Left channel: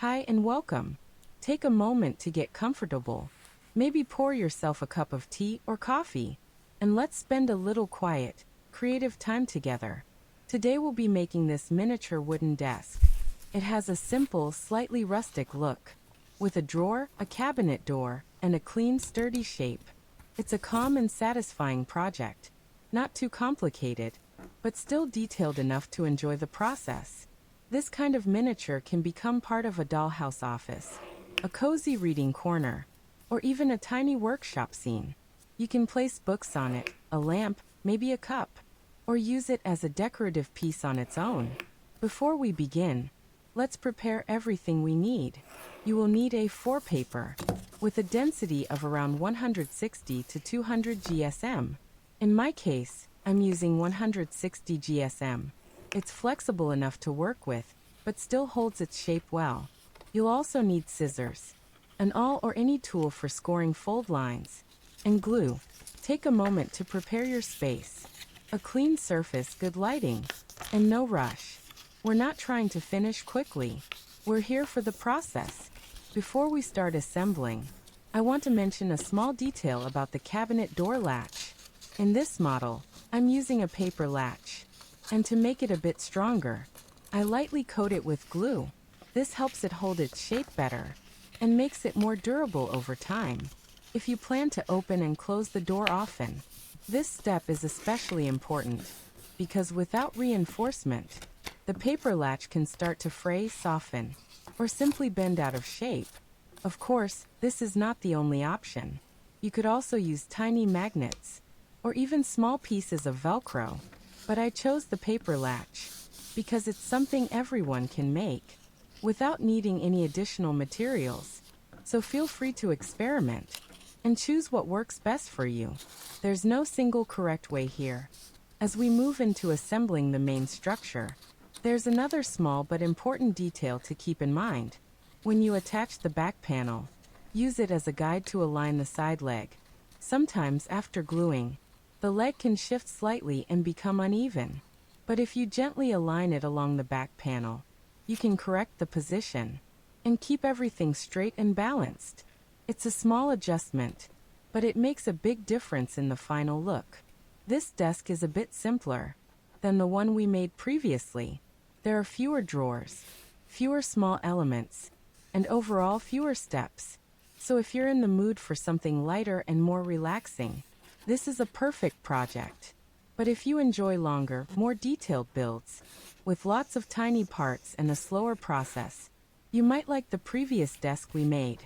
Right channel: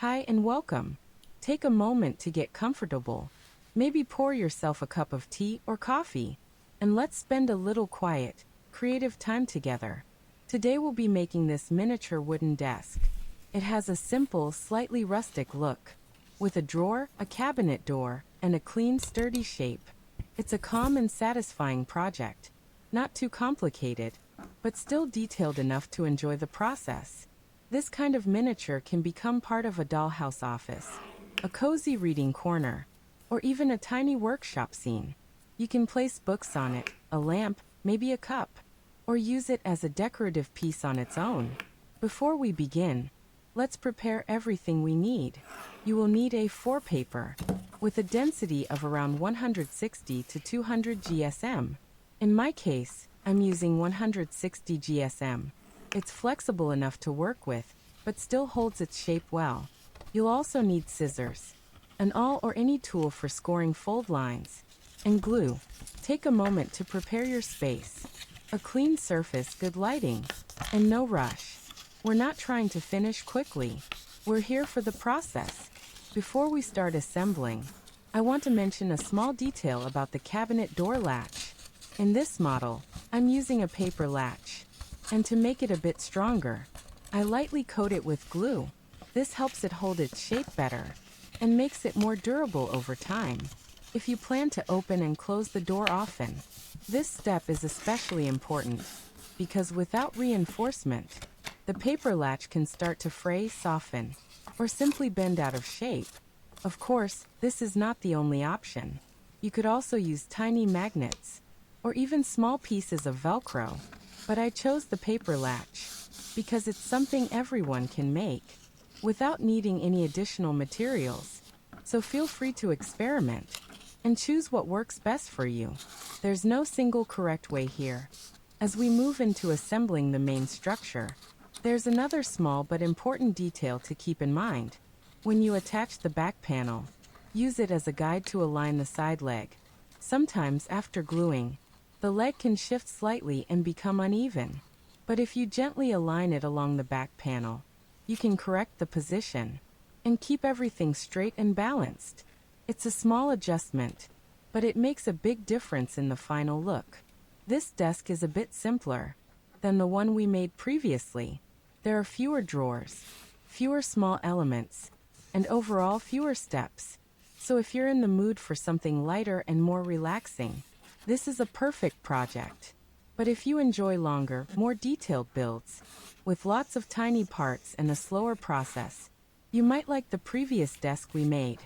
Hi and welcome. Take a moment to get comfortable. Maybe pour yourself a cup of tea or coffee, and let's spend a little quiet, creative time together. Today we'll be making this miniature wooden desk. It has a simple, slightly rustic look, with a drawer, a cabinet door, and a clean, sturdy shape. It's a calm and satisfying project. Not too complicated, but still detailed enough to enjoy the process. This kind of miniature can become part of a dollhouse office, a cozy reading corner, or even a tiny workshop scene. You can place books on it, a lamp, maybe a cup, or use it as a decorative piece on its own. Before we begin, let's prepare everything we need. You will need A4 paper, with a density of around 160 to 200 GSM. In my case, I'm using 160 GSM. It's flexible enough to work with, but still holds its shape well. You'll also need scissors, an awl or any tool for scoring fold lines, and glue. Take a moment to prepare your space. A clean surface, good lighting, and no rush. We're not trying to finish quickly. We're here for the process. Before we start assembling, I want to mention a small detail about the cabinet door latch. In this model, I'm using a paper latch. And to make it a bit stronger, I lightly coat it with glue. This helps it hold its shape better and makes it more durable over time. If you plan to open and close the door often, this step is especially important because without reinforcement, the paper latch can start to fray, soften, or simply bend out of shape. Of course, this is not the only option. You could also use tiny magnets or even small pieces of Velcro. But I chose the paper latch because it's something everyone can make without needing any additional materials. So feel free to experiment and choose what works best for you. There's no single correct way here. As we move into assembling the main structure, there's another small but important detail to keep in mind. When you attach the back panel, use it as a guide to align the side leg. Sometimes after gluing, the leg can shift slightly and become uneven, but if you gently align it along the back panel, you can correct the position and keep everything straight and balanced. It's a small adjustment, but it makes a big difference in the final look. This desk is a bit simpler than the one we made previously. There are fewer drawers, fewer small elements, and overall fewer steps. So if you're in the mood for something lighter and more relaxing, this is a perfect project. But if you enjoy longer, more detailed builds, with lots of tiny parts and a slower process, you might like the previous desk we made.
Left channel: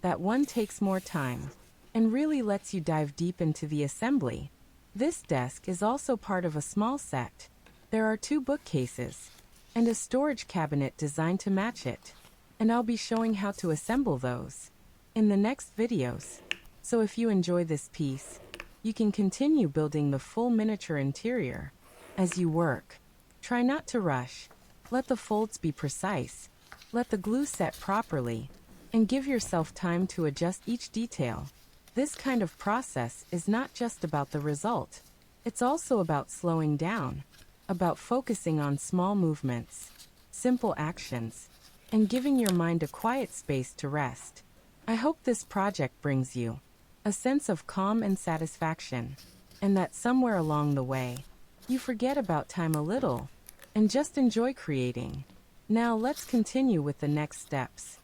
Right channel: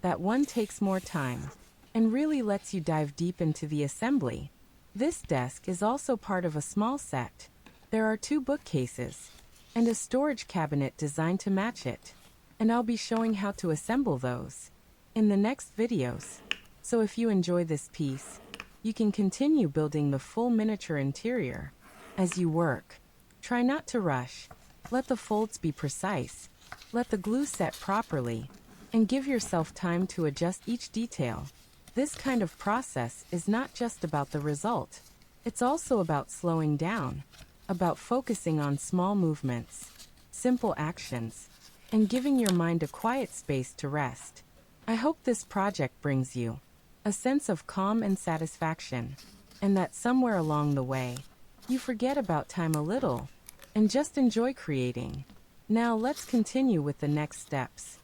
That one takes more time and really lets you dive deep into the assembly. This desk is also part of a small set. There are 2 bookcases and a storage cabinet designed to match it, and I'll be showing how to assemble those in the next videos. So if you enjoy this piece, you can continue building the full miniature interior. As you work, try not to rush. Let the folds be precise. Let the glue set properly, and give yourself time to adjust each detail. This kind of process is not just about the result. It's also about slowing down, about focusing on small movements, simple actions, and giving your mind a quiet space to rest. I hope this project brings you a sense of calm and satisfaction, and that somewhere along the way, you forget about time a little and just enjoy creating. Now let's continue with the next steps.